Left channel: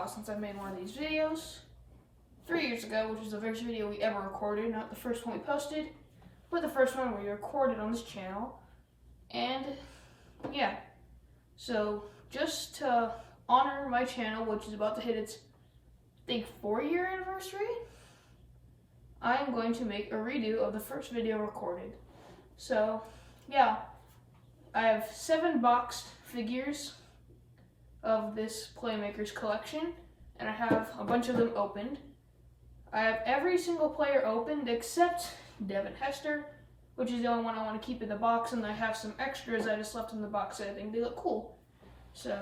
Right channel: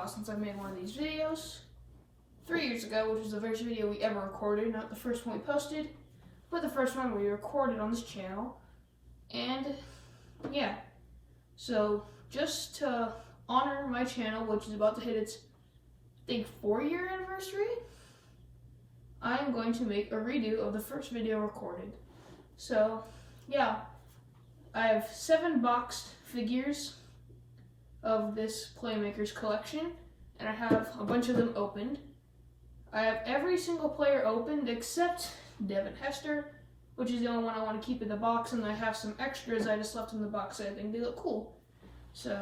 while since I've made one of these videos. 3 years ago, which was the first video we ever recorded, not the first one we posted, but the first one we recorded on this channel. And yeah, so just to honor my channel, which is about to hit its, I think, 4-year anniversary, I'm going to make a redo of the first video recorded. So yeah, I have 7 boxed figures of this Playmaker's collection, and I have a bunch of them opened. I have every single player opened except Devin Hester, which is the only one I want to keep in the box, and I have some extras I just left in the box. I think they look cool. So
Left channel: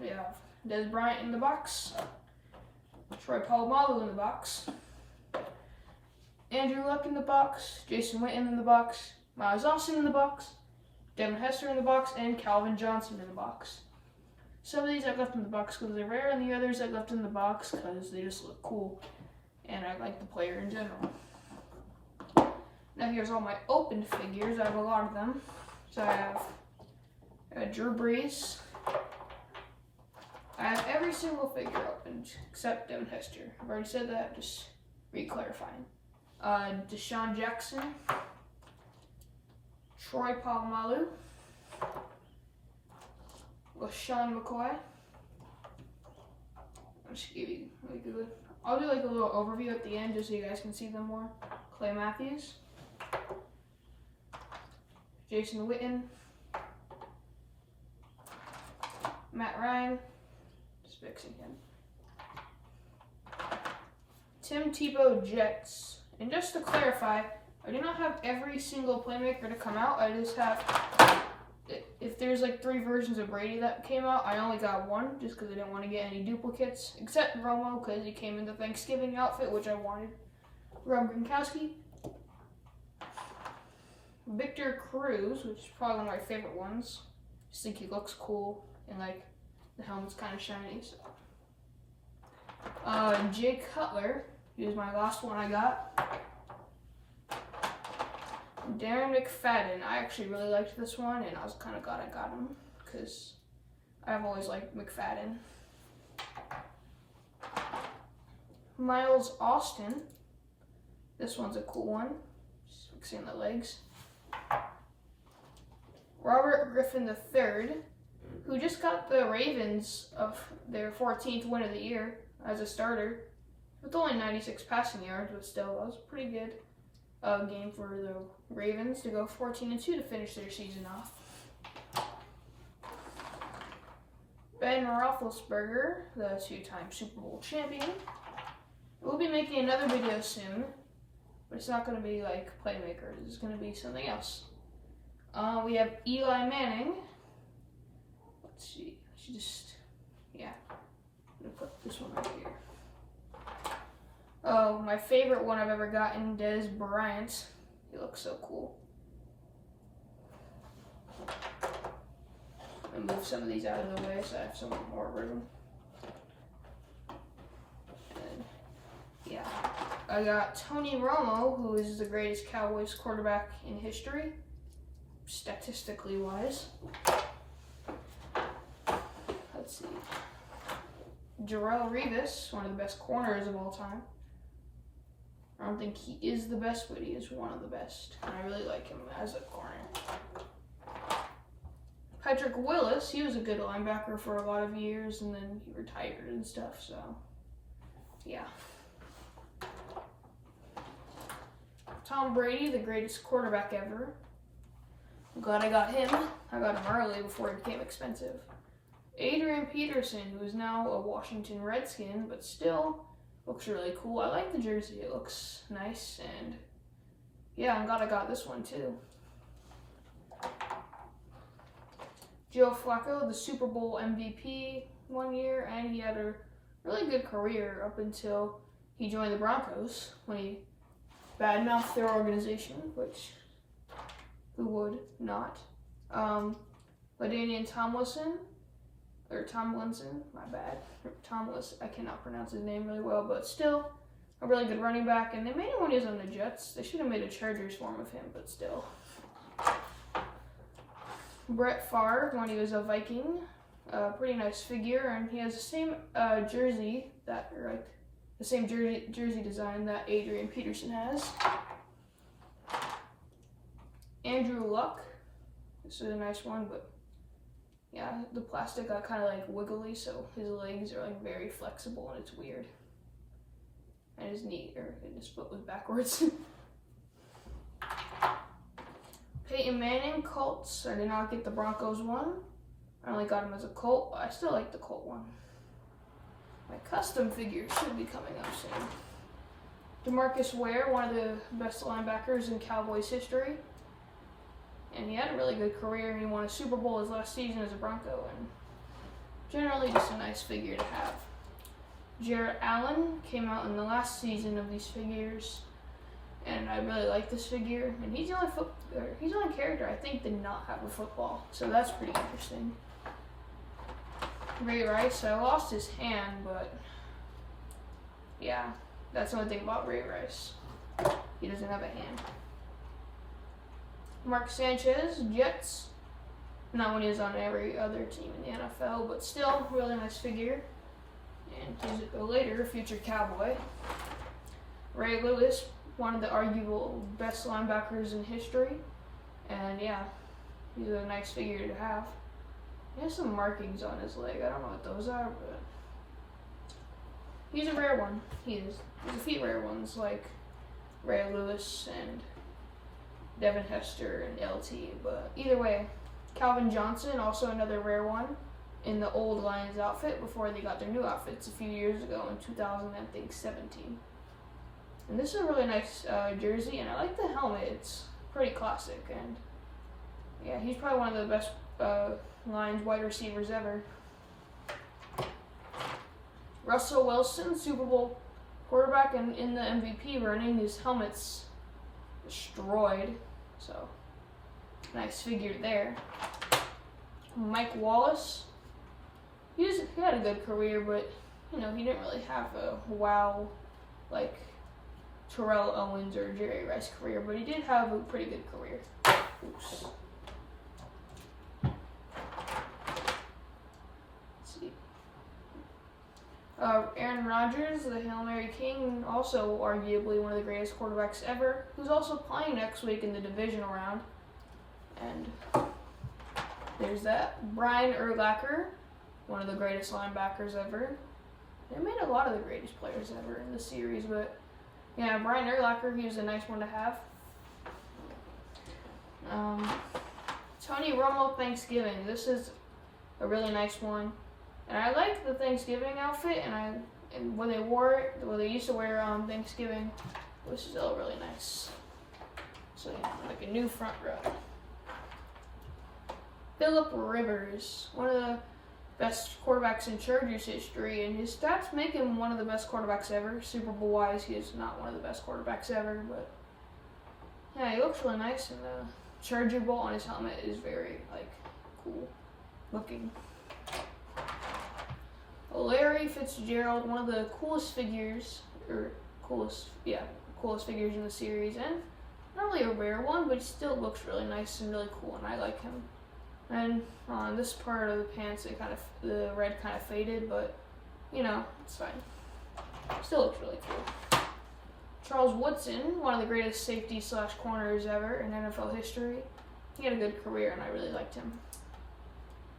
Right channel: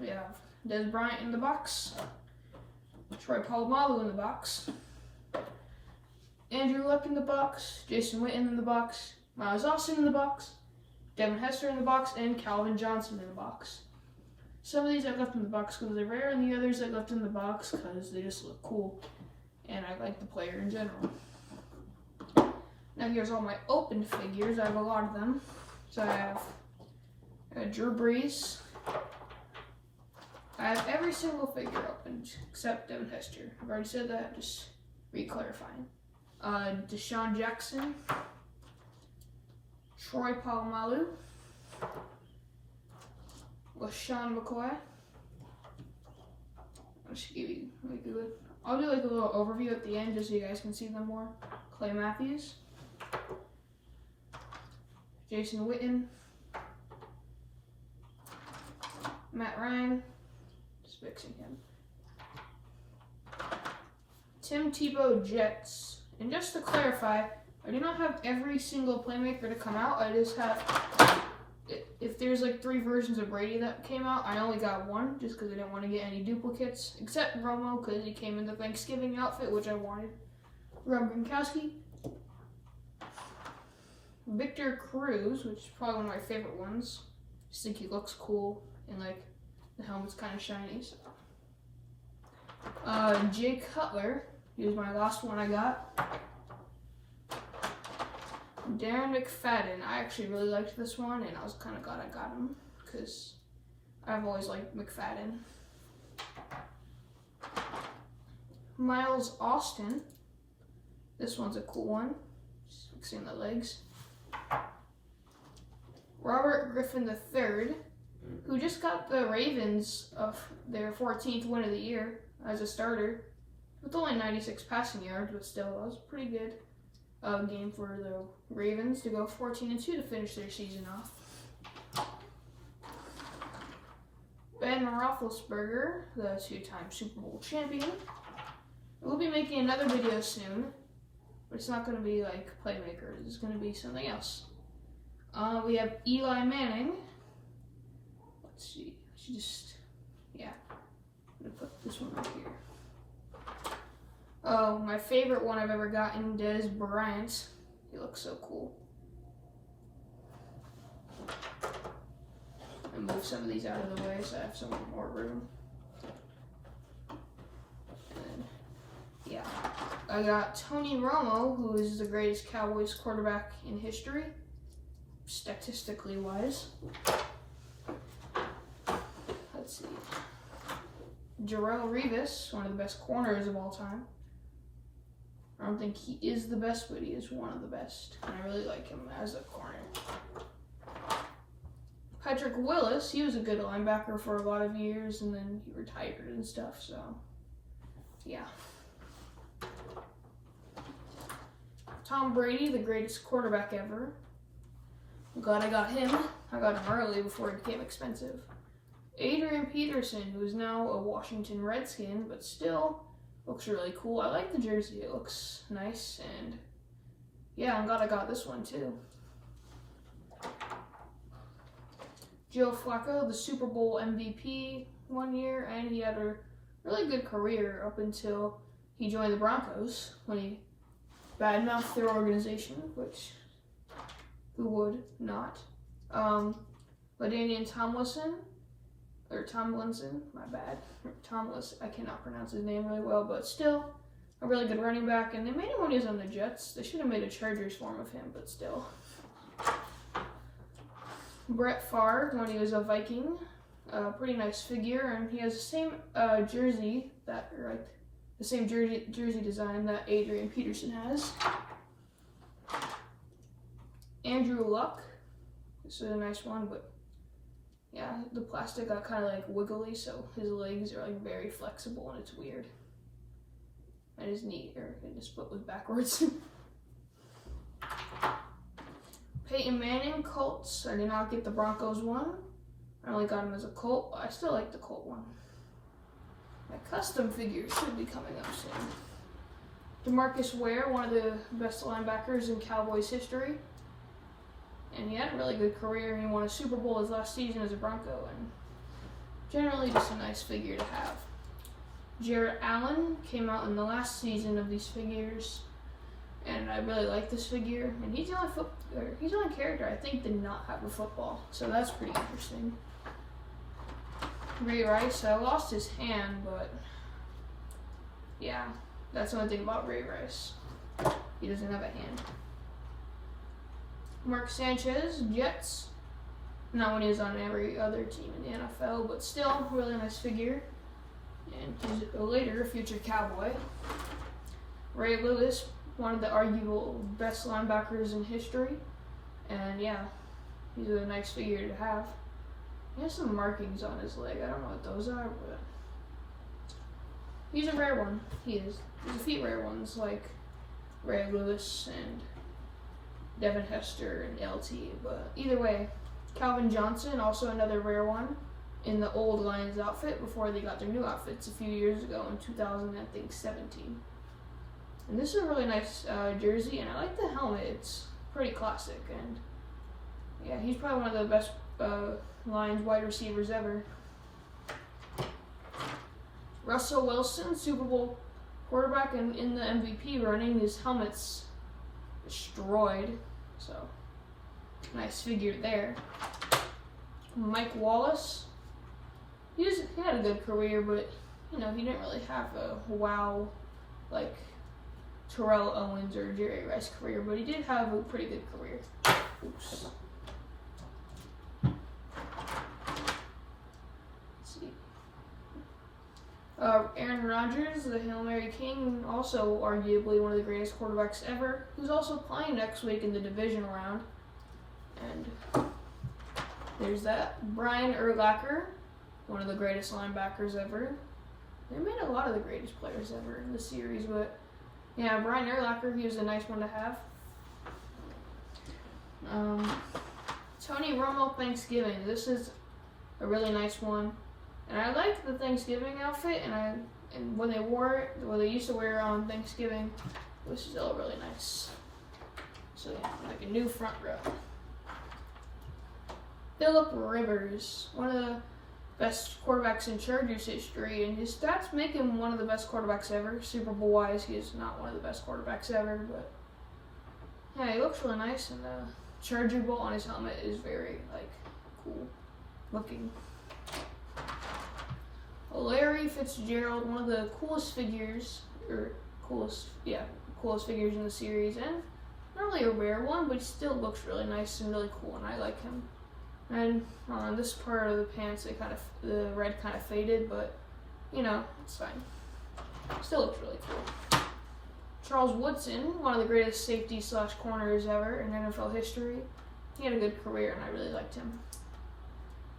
we have Des Bryant in the box, Troy Polamalu in the box, Andrew Luck in the box, Jason Witten in the box, Miles Austin in the box, Devin Hester in the box, and Calvin Johnson in the box. Some of these I've left in the box because they're rare, and the others I've left in the box because they just look cool, and I like the player in general. Now here's all my opened figures. I have a lot of them. So I have Drew Brees. I have every single figure opened except Devin Hester. I've already said that, just re-clarifying. Deshaun Jackson, Troy Polamalu, LaShawn McCoy. I'll do like a little overview at the end just so you guys can see them more. Clay Matthews, Jason Witten, Matt Ryan, just fixing him, Tim Tebow Jets. And just to clarify, I do not have every single Playmaker to come out. I just have, if there's like 3 versions of Brady that came out, I only got 1 just because I didn't want to get any duplicates, except Romo because he came in the Thanksgiving outfit, which I wanted. Rob Gronkowski, Victor Cruz, which is probably one of my favorite ones. Just think he looks cool, and like the helmet's kind of shiny. So. Jake Cutler, he was my last one I got. Darren McFadden, I actually really liked this one, and I was kind of glad I got him because I've always liked McFadden. Miles Austin, this one's a cool one, just fixing the legs. Robert Griffin III, who just got the Ravens of their 14th win of the year as a starter, with only 96 passing yards, but still, that was a pretty good game for the Ravens to go 14-2 to finish their season off. Ben Roethlisberger, the 2-time Super Bowl champion. We'll be making another video soon, but it's not going to be like Playmaker. It's going to be something else. We have Eli Manning. Let's see. I should just, yeah. I'm going to put this one right here. Oh, my favorite one I've ever gotten, Des Bryant. He looks so cool. I'm going to move some of these out of the way so I have some more room. And yeah, I got Tony Romo, who is the greatest Cowboys quarterback in history, statistically wise. Let's see. Jarrell Revis, one of the best corners of all time. I don't think he is the best, but he is one of the best. And I really like him as a corner. Patrick Willis, he was a good linebacker for a lot of years, and then he retired and stuff, so yeah. Tom Brady, the greatest quarterback ever. I'm glad I got him. I got him early before he became expensive. Adrian Peterson, who is now a Washington Redskin, but still looks really cool. I like the jersey. It looks nice, and yeah, I'm glad I got this one too. Joe Flacco, the Super Bowl MVP one year, and he had a really good career up until he joined the Broncos when he badmouthed their organization, which who would not? LaDainian Tomlinson, my bad. Tomlinson, I cannot pronounce his name really well, but still a really good running back. And they made him when he was on the Jets. They should have made a Chargers form of him, but still. Brett Favre when he was a Viking. Pretty nice figure, and he has the same jersey the same jersey design that Adrian Peterson has. Andrew Luck. This is a nice one, but yeah, the plastic got kind of like wiggly, so his legs are like very flexible and it's weird. And his knee, or his foot was backwards. Peyton Manning, Colts. I did not get the Broncos one. I only got him as a Colt, but I still like the Colt one. My custom figure should be coming up soon. DeMarcus Ware, one of the best linebackers in Cowboys history. And he had a really good career. He won a Super Bowl his last season as a Bronco, and generally just a nice figure to have. Jarrett Allen came out in the last season of these figures, and I really like this figure. And he's the only character I think did not have a football, so that's pretty interesting. Ray Rice, I lost his hand, but yeah, that's the only thing about Ray Rice. He doesn't have a hand. Mark Sanchez, Jets. Not when he was on every other team in the NFL, but still, really nice figure. And he's a future Cowboy. Ray Lewis, one of the arguable best linebackers in history. And yeah, he's a nice figure to have. He has some markings on his leg. I don't know what those are, but he's a rare one. There's a few rare ones like Ray Lewis and Devin Hester and LT, but either way, Calvin Johnson, also another rare one, in the old Lions outfit before they got their new outfits a few years ago in 2017. And this is a really nice jersey, and I like the helmet. It's pretty classic, and yeah, he's probably one of the best Lions wide receivers ever. Russell Wilson, Super Bowl quarterback, and in the MVP running, his helmet's destroyed, so nice figure there. Mike Wallace, he had a good career, but you know, he didn't really have a wow like Terrell Owens or Jerry Rice career, but he did have a pretty good career. Oops. Let's see. Aaron Rodgers, the Hail Mary King, also arguably one of the greatest quarterbacks ever, who's also playing next week in the division round. And there's that. Brian Urlacher, one of the greatest linebackers ever. They made a lot of the greatest players ever in the series, but yeah, Brian Urlacher, he was a nice one to have. Tony Romo Thanksgiving. This is a really nice one. And I like the Thanksgiving outfit, and when they wore it, what they used to wear on Thanksgiving, it was still really nice. So yeah, like a new front row. Phillip Rivers, one of the best quarterbacks in Chargers history, and his stats make him one of the best quarterbacks ever. Super Bowl wise, he is not one of the best quarterbacks ever, but yeah, he looks really nice, and the Charger bolt on his helmet is very like cool looking. Larry Fitzgerald, one of the coolest figures in the series, and not really a rare one, but he still looks really nice and really cool, and I like him. And on this part of the pants, the red kind of faded, but you know, it's fine. Still looks really cool. Charles Woodson, one of the greatest safety / corners ever in NFL history. He had a good career, and I really liked him.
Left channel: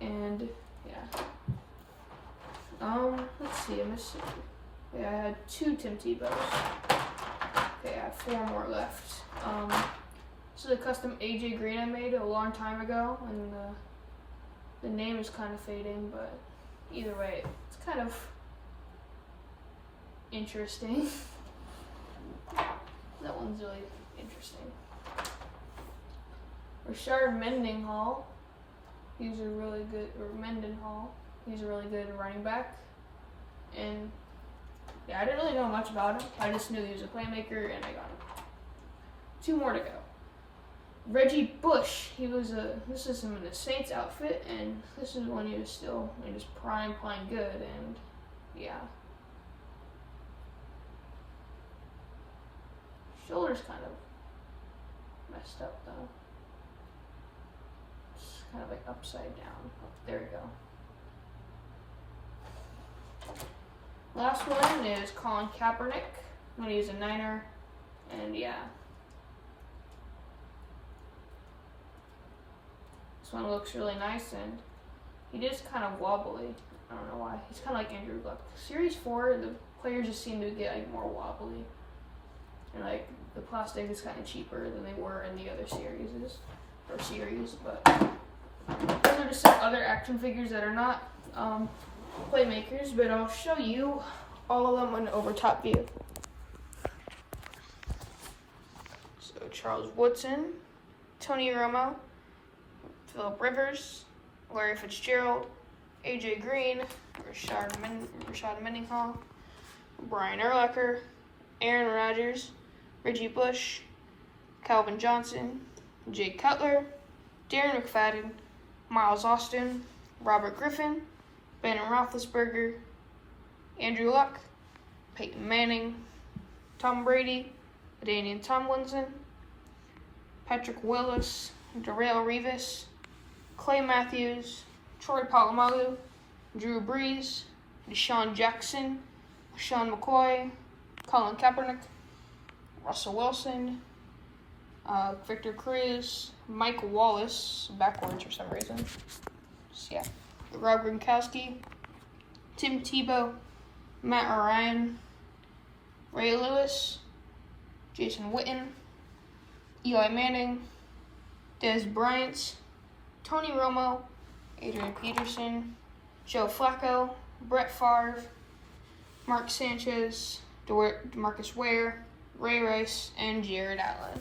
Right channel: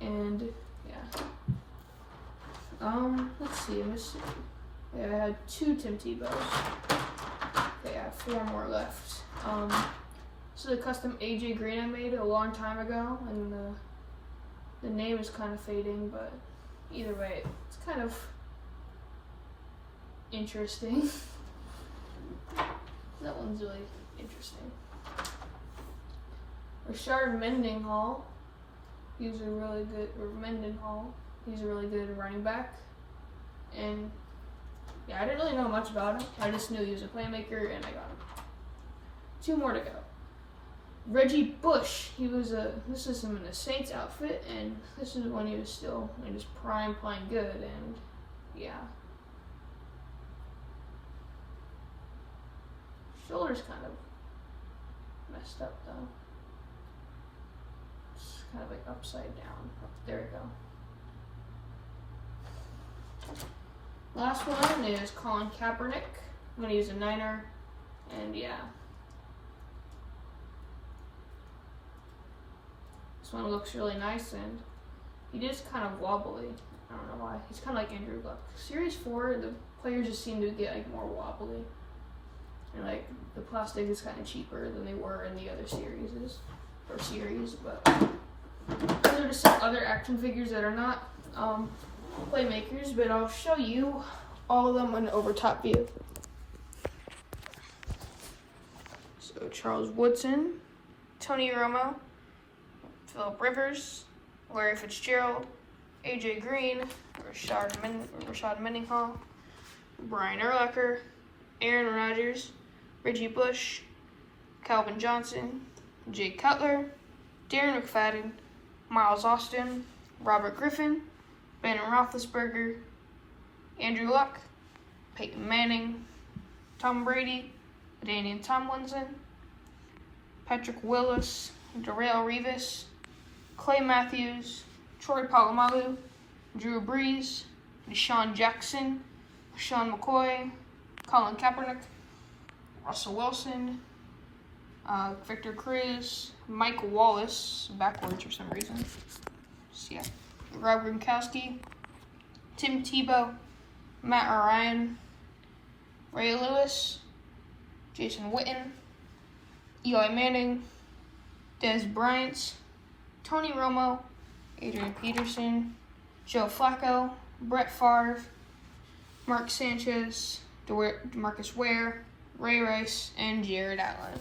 And yeah. Let's see, I'm missing. Yeah, I had 2 Tim Tebows. Okay, I have 4 more left. This is a custom AJ Green I made a long time ago, and the name is kind of fading, but either way, it's kind of interesting. That one's really interesting. Rashard Mendenhall. He's a really good, He's a really good running back. And yeah, I didn't really know much about him. I just knew he was a playmaker, and I got him. 2 more to go. Reggie Bush. This is him in a Saints outfit, and this is when he was still in his prime playing good, and yeah. Shoulder's kind of messed up though. It's kind of like upside down. Oh, there we go. Last one is Colin Kaepernick. I'm gonna use a Niner, and yeah. This one looks really nice, and he is kind of wobbly. I don't know why. He's kind of like Andrew Luck. Series 4, the players just seem to get like more wobbly. And like the plastic is kind of cheaper than they were in the other series. But those are just some other action figures that are not Playmakers, but I'll show you all of them in an over top view. So Charles Woodson, Tony Romo, Phillip Rivers, Larry Fitzgerald, AJ Green, Rashad Mendenhall, Brian Urlacher, Aaron Rodgers, Reggie Bush, Calvin Johnson, Jay Cutler, Darren McFadden, Miles Austin, Robert Griffin, Ben Roethlisberger, Andrew Luck, Peyton Manning, Tom Brady, Daniel Tomlinson, Patrick Willis, Darrelle Revis, Clay Matthews, Troy Polamalu, Drew Brees, Deshaun Jackson, Sean McCoy, Colin Kaepernick, Russell Wilson, Victor Cruz, Mike Wallace, backwards for some reason. So, yeah. Rob Gronkowski, Tim Tebow, Matt Ryan, Ray Lewis, Jason Witten, Eli Manning, Des Bryant, Tony Romo, Adrian Peterson, Joe Flacco, Brett Favre, Mark Sanchez, DeMarcus Ware, Ray Rice, and Jared Allen.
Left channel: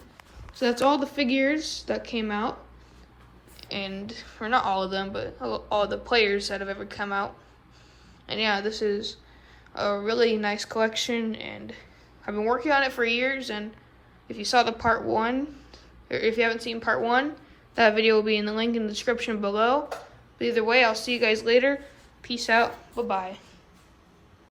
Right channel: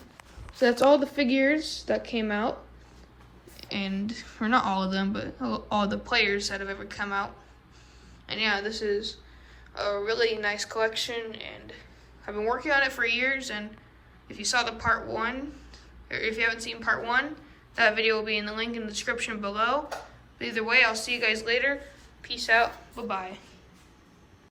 So that's all the figures that came out. Or not all of them, but all the players that have ever come out. And yeah, this is a really nice collection, and I've been working on it for years. And if you saw the part 1, or if you haven't seen part 1, that video will be in the link in the description below. But either way, I'll see you guys later. Peace out. Bye-bye.